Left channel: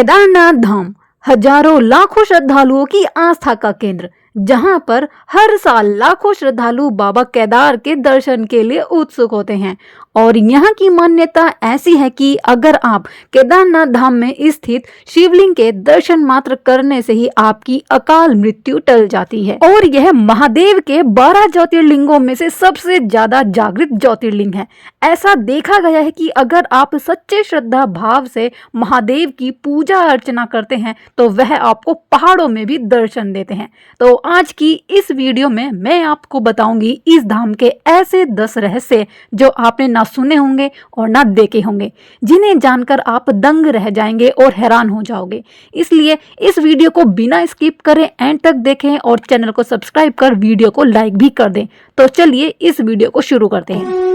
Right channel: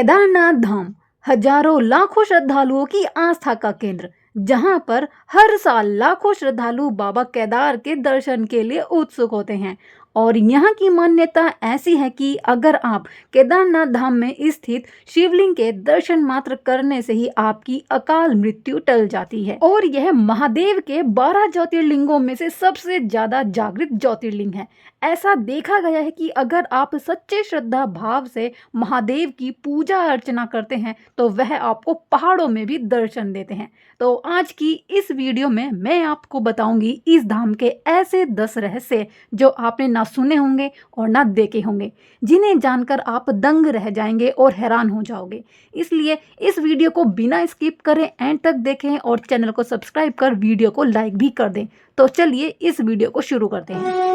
केदारनाथ धाम हजारों लाखों श्रद्धालुओं की आस्था का केंद्र, जहां पर हर साल लाखों श्रद्धालु बाबा केदार के दर्शन के लिए उत्सुक होते हैं। और यहाँ की मान्यता ऐसी है कि अगर आप केदारनाथ धाम में स्थित शिवलिंग के दर्शन मात्र करने से ही आपकी अकाल मृत्यु टल जाती है। और यह महादेव के 12 ज्योतिर्लिंगों में से सबसे ज्यादा जागृत ज्योतिर्लिंग है। ऐसा देखा गया है कि अगर आप सच्चे श्रद्धा भाव से महादेव की पूजा अर्चना करते हैं तो वह आपको पहाड़ों में भी दर्शन देते हैं। तो आज की इस वीडियो में मैं आपको बताऊंगी इस धाम के ऐसे 10 रहस्य जो आपने ना सुने होंगे और ना देखे होंगे, जिन्हें जानकर आप दंग रह जाएंगे और हैरान हो जाओगे। इसलिए इस वीडियो को बिना स्किप करे एंड तक देखें और चैनल को सब्सक्राइब कर वीडियो को लाइक भी कर दें। तो चलिए इस वीडियो को शुरू करते हैं।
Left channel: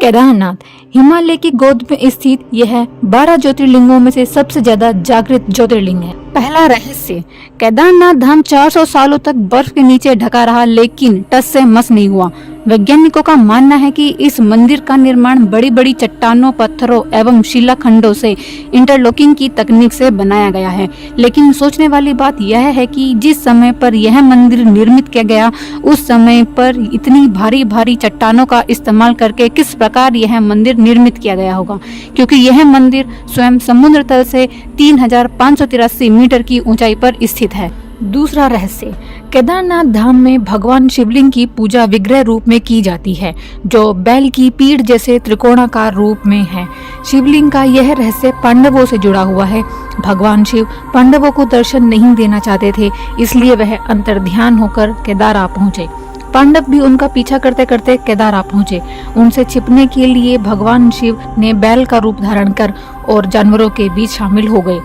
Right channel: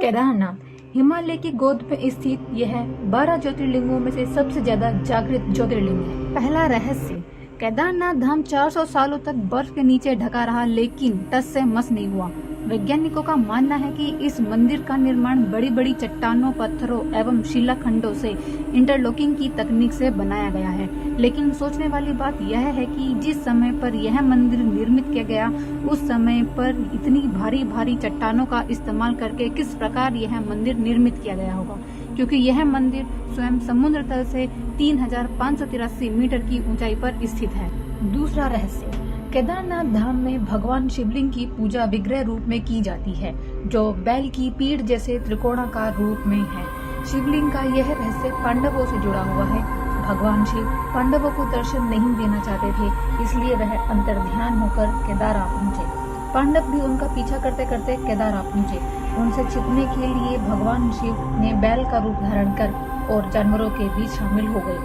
केदारनाथ हिमालय की गोद में स्थित यह 12 ज्योतिर्लिंगों में से सबसे ज्यादा जागृत ज्योतिर्लिंग है। पहला रहस्य, केदारनाथ धाम 400 सालों तक बर्फ के नीचे ढका रहा, लेकिन टस से मस नहीं हुआ। वैज्ञानिकों का मानना है कि इस मंदिर का निर्माण बड़ी बड़ी चट्टानों, पत्थरों एवं शिलाखंडों से इंटरलॉकिंग की तकनीक से बनाया गया है। लेकिन सोचने वाली बात यह है कि जिस समय पर यह मंदिर निर्मित किया गया, उस समय पर इतनी भारी भारी चट्टानों का इस्तेमाल करके किस प्रकार यह मंदिर निर्मित किया गया होगा, क्योंकि यह मंदिर स्वयं समुद्र तल से 3583 मीटर की ऊंचाई पर स्थित है। दूसरा रहस्य, केदारनाथ धाम में भगवान शिवलिंग की पूजा विग्रह रूप में की जाती है, जो बैल की पीठ जैसे त्रिकोणाकार रूप में है। शिवलिंग का यह रहस्य पांडवों से जुड़ा हुआ है। भगवान शिव पांडवों को दर्शन नहीं देना चाहते थे, इसलिए वह अंतर्ध्यान होकर केदार आ पहुँचे। पांडव भी उनका पीछा करते करते केदार आ पहुँचे। उनसे छिपने के लिए भगवान शिव ने बैल का रूप धारण कर और जानवरों के बीच शामिल हो गए।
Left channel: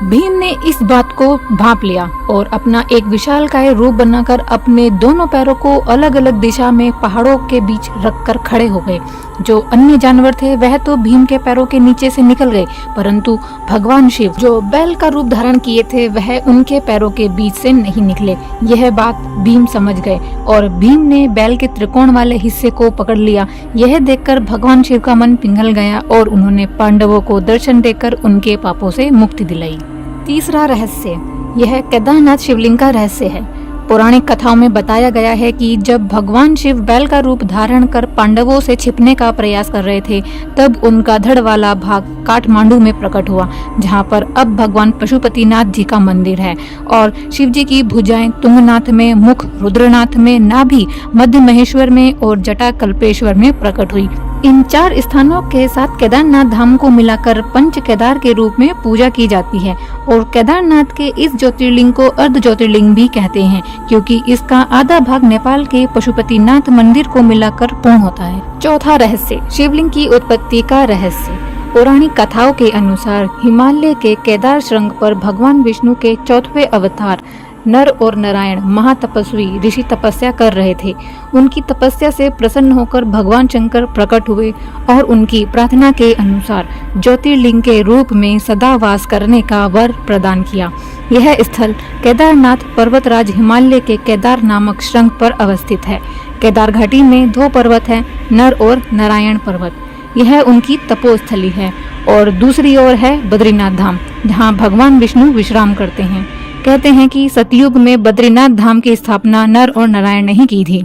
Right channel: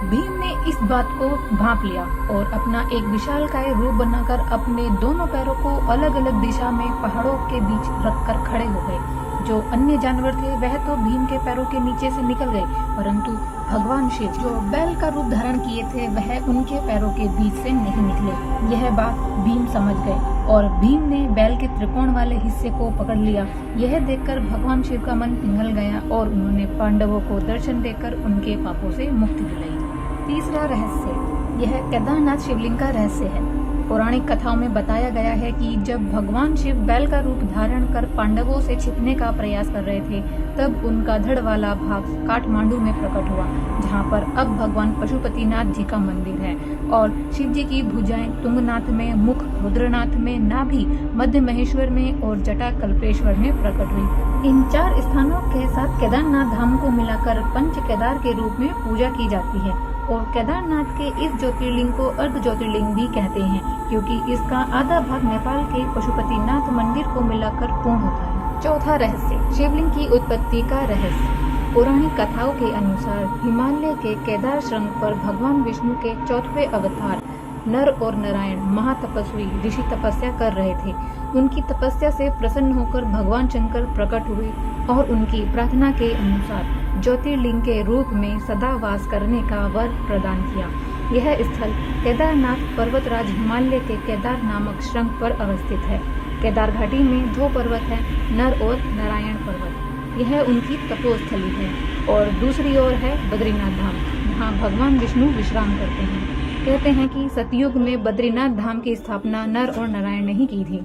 भीम ने इस बात को भांप लिया और अपना एक विशालकाय रूप बनाकर अपने दोनों पैरों को अलग अलग दिशा में पहाड़ों के बीच रखकर खड़े हो गए। जो अन्य जानवर थे वह तो भीम के पैरों के नीचे से निकल गए, परंतु भगवान शिव जो बैल का रूप धारण किए थे वह उनके पैरों के बीच से नहीं निकले। यह बात भीम समझ गए और भीम ने बैल के त्रिकोण वाले हिस्से को पकड़ लिया। यह देखकर भगवान शिव का मन पिघल गया और उन्होंने पांडवों को दर्शन देकर उनके पापों से मुक्ति दिलाई। तीसरा रहस्य, यह केदारनाथ शिवलिंग का रहस्य है। पौराणिक कथाओं में बताया गया है कि जब भगवान शिव बैल का रूप धारण कर पांडवों से छिपने का प्रयास कर रहे थे, तब उनका धड़ वाला भाग काठमांडू में प्रकट हुआ, जहां पर अब भगवान पशुपतिनाथ जी का मंदिर है। और शिव जी की भुजाएं तुंगनाथ में, मुख रुद्रनाथ में, नाभि मध्य महेश्वर में और जटा कल्पेश्वर में प्रकट हुई। इन 4 स्थानों के साथ केदारनाथ धाम को मिलाकर पंच केदार के रूप में पूजा की जाती है। और केदारनाथ के इस ज्योतिर्लिंग को अर्ध ज्योतिर्लिंग भी कहते हैं, क्योंकि इसका आधा भाग नेपाल के पशुपतिनाथ मंदिर को मिलाकर पूर्ण होता है। चौथा रहस्य, शिवलिंग की उत्पत्ति का रहस्य। पौराणिक कथाओं के अनुसार हिमालय के केदार शृंग पर भगवान विष्णु के 4वें अवतार नर और नारायण महातपस्वी ऋषि तपस्या कर रहे थे। उनकी तपस्या से प्रसन्न होकर भगवान शंकर प्रकट हुए और उनकी प्रार्थना के अनुसार ज्योतिर्लिंग के रूप में सदा वास करने का वर प्रदान किया। यह स्थल केदारनाथ पर्वतराज हिमालय के केदार नामक शृंग पर अवस्थित है। केदार घाटी में 2 पर्वत हैं, नर और नारायण पर्वत। यह उनकी तपोस्थली है। और दूसरी ओर है बद्रीनाथ धाम, जहाँ भगवान विष्णु विश्राम करते हैं। कहते हैं कि सतयुग में बद्रीनाथ धाम की स्थापना नर और नारायण ने ही की थी।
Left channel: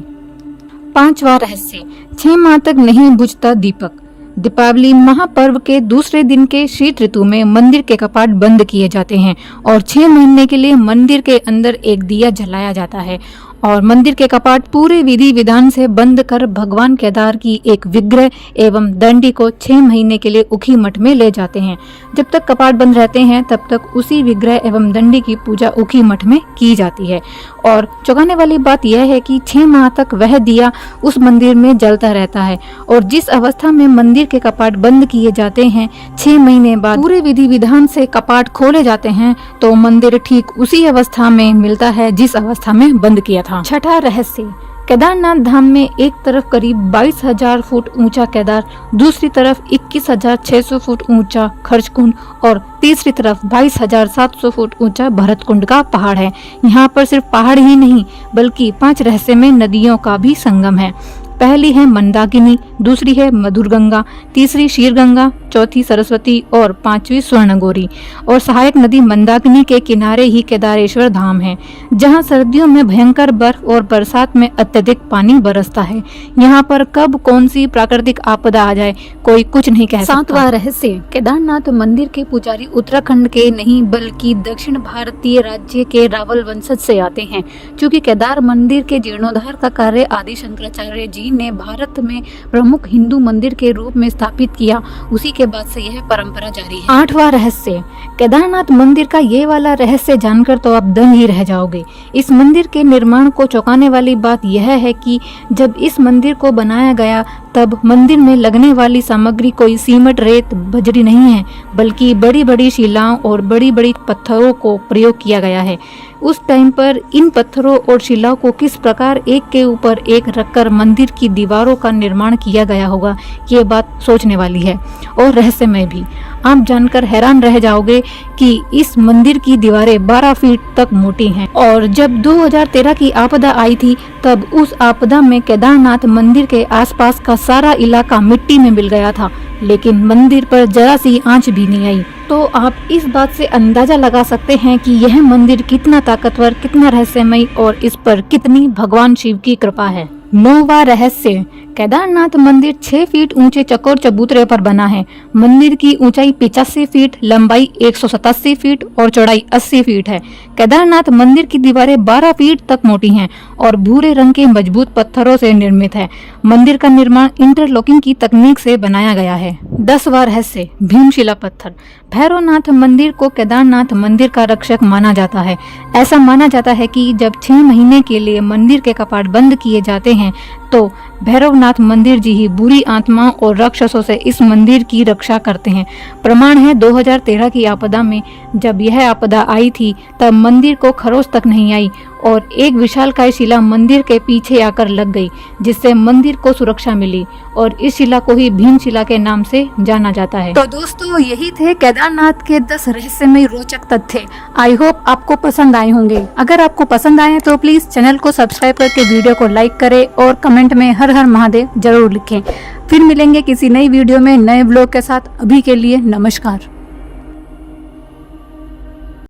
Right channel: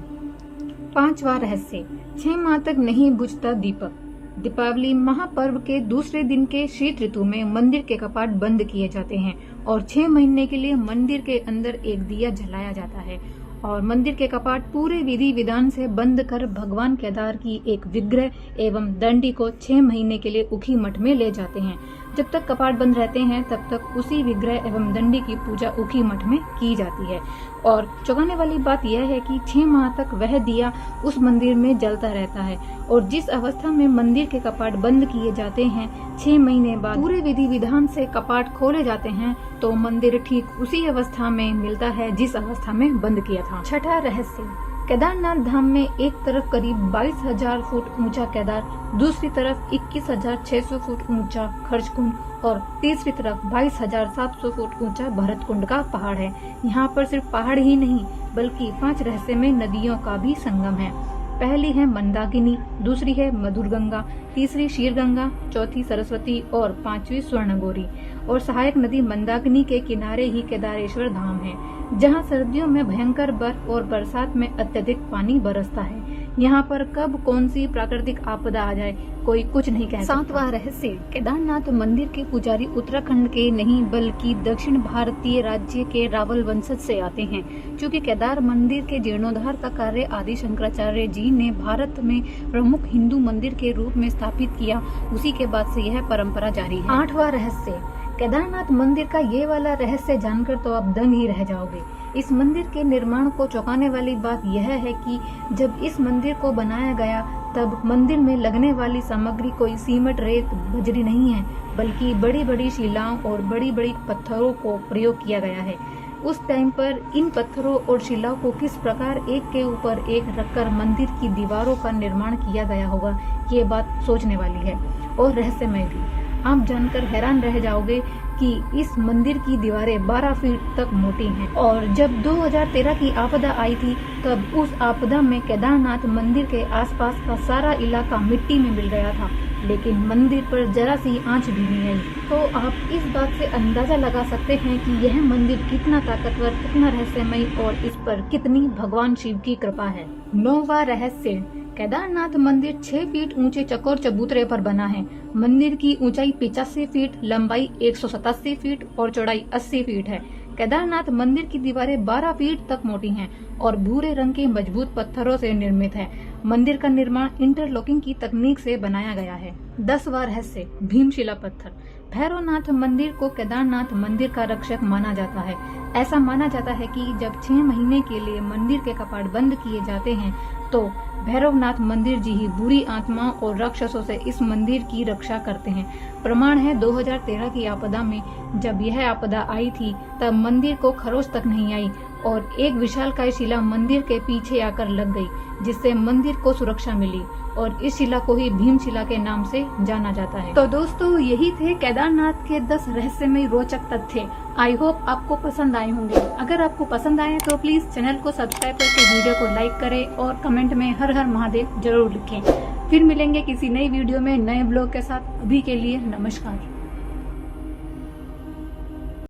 5वां रहस्य, 6 माह तक नहीं बुझता दीपक। दीपावली महापर्व के दूसरे दिन के शीत ऋतु में मंदिर के कपाट बंद किए जाते हैं और 6 महीने के लिए मंदिर के अंदर एक दिया जलाया जाता है। और मंदिर के कपाट पूरे विधि विधान से बंद कर भगवान केदार की एक विग्रह एवं दंडी को 6 महीने के लिए उखी मठ में ले जाते हैं। जब तक कपाट बंद रहते हैं तब तक उसी विग्रह एवं दंडी की पूजा उखी मठ में की जाती है। और चौंकाने वाली बात यह है कि 6 माह तक वह दिया उस मंदिर में जलता रहता है। और जिस अवस्था में मंदिर के कपाट बंद किए जाते हैं, 6 महीने बाद पूरे विधि विधान से कपाट खोले जाते हैं, तो मंदिर ठीक उसी अवस्था में मिलता है जिस अवस्था में बंद किया था। 6ठा रहस्य, केदारनाथ धाम में एक तरफ करीब 22,000 फुट ऊंचा केदार, दूसरी तरफ 21,600 फुट ऊंचा खर्चकुंड और तीसरी तरफ 22,700 फुट ऊंचा भरतकुंड का पहाड़ है। यहाँ पर सिर्फ पहाड़ ही नहीं बल्कि 5 रहस्यमय नदियों का भी संगम है। पहली है मंदाकिनी, दूसरी है मधुर गंगा, तीसरी शीर गंगा, चौथी सरस्वती और पांचवी स्वर्णगौरी। और सहायक नदी मंदाकिनी के किनारे ही केदारेश्वर धाम है, जहां सर्दियों में भयंकर बर्फ और बरसात में अत्यधिक पानी बरसता है। यहाँ पर कब कौन सी प्राकृतिक आपदा आ जाए कोई कुछ नहीं कह सकता। सातवां रहस्य, केदारनाथ मंदिर के पुजारी उत्तराखंड के नहीं बल्कि दक्षिण भारतीय राज्य के रावल वंशज से आते हैं। चूँकि केदार मंदिर के जीर्णोद्धार का कार्य आदि शंकराचार्य जी ने भारत में प्रमुख हिंदू मंदिर के रूप में स्थापित किया, उसी के बाद से यह परंपरा जारी है। आठवां रहस्य, केदारनाथ मंदिर का ये वाला रहस्य जानकर तो आप दंग ही रह जाओगे। इस मंदिर के निर्माण को चौंकाने वाली बात यह है कि जब इस मंदिर को बनाया गया तब मंदिर में लगने वाली सामग्री कोई सीमेंट, रेत, बजरी नहीं है, बल्कि बड़ी बड़ी शिलाओं और बड़ी बड़ी पत्थरों को प्रयोग किया गया है। उस टाइम पर इन पत्थरों और शिलाओं को किस प्रकार एक के ऊपर एक रखकर मंदिर की दीवारों का निर्माण किया गया होगा, ये बात सोचने वाली है और रहस्यमय भी। आप जानकर हैरान रह जाओगे कि इस मंदिर की दीवारें 12 फीट तक मोटी हैं और जब 2013 की आपदा आई थी तब उस आपदा में केदारनाथ मंदिर के आसपास का सारा इलाका मिट्टी में मिल गया था, लेकिन मंदिर पर जरा सी आंच भी नहीं आई। तो आप इस बात से अंदाजा लगा सकते हैं कि यह मंदिर कितना ताकतवर, कितना रहस्यमय और इस पर कितनी भगवान शिव की कृपा है। 9वां रहस्य, केदारनाथ मंदिर 6 फीट ऊंचे चकोर चबूतरे पर बना है। मंदिर की ऊंचाई 85 फीट, लंबाई 187 फीट और चौड़ाई 80 फीट है। केदारनाथ मंदिर की दीवारें 12 फीट तक मोटी हैं और भूरे रंग के मजबूत पत्थरों से निर्मित है। मंदिर का निर्माण इंटरलॉकिंग की तकनीक से बनाया गया है। 10वां रहस्य, भीमशिला पत्थर। भैरवनाथ मंदिर को केदारनाथ मंदिर का रक्षक माना जाता है। ऐसा माना जाता है कि जब 6 महीने के लिए मंदिर के कपाट बंद किए जाते हैं तो भैरवनाथ मंदिर जी ही बुरी आत्माओं और राक्षसों से इस मंदिर की रक्षा करते हैं। प्रमाण है 2013 की आपदा में जब यह आपदा आई थी तब मंदिर को खरोच तक नहीं आई और एक विशालकाय शिला मंदिर के पीछे आकर लग गई, जिससे मंदिर को सुरक्षा मिली और इस शिला को ही भीमशिला के नाम से जाना जाता है। तो दोस्तों, यही थे केदारनाथ के 10 रहस्यमय रोचक तथ्य। आई होप आपको पसंद आए होंगे। अगर आपको पसंद आए तो प्लीज चैनल को सब्सक्राइब करके वीडियो को लाइक करें और कमेंट में हर हर महादेव जरूर लिखें। फिर मिलेंगे किसी नई वीडियो में नए ब्लॉग के साथ। अभी के लिए नमस्कार।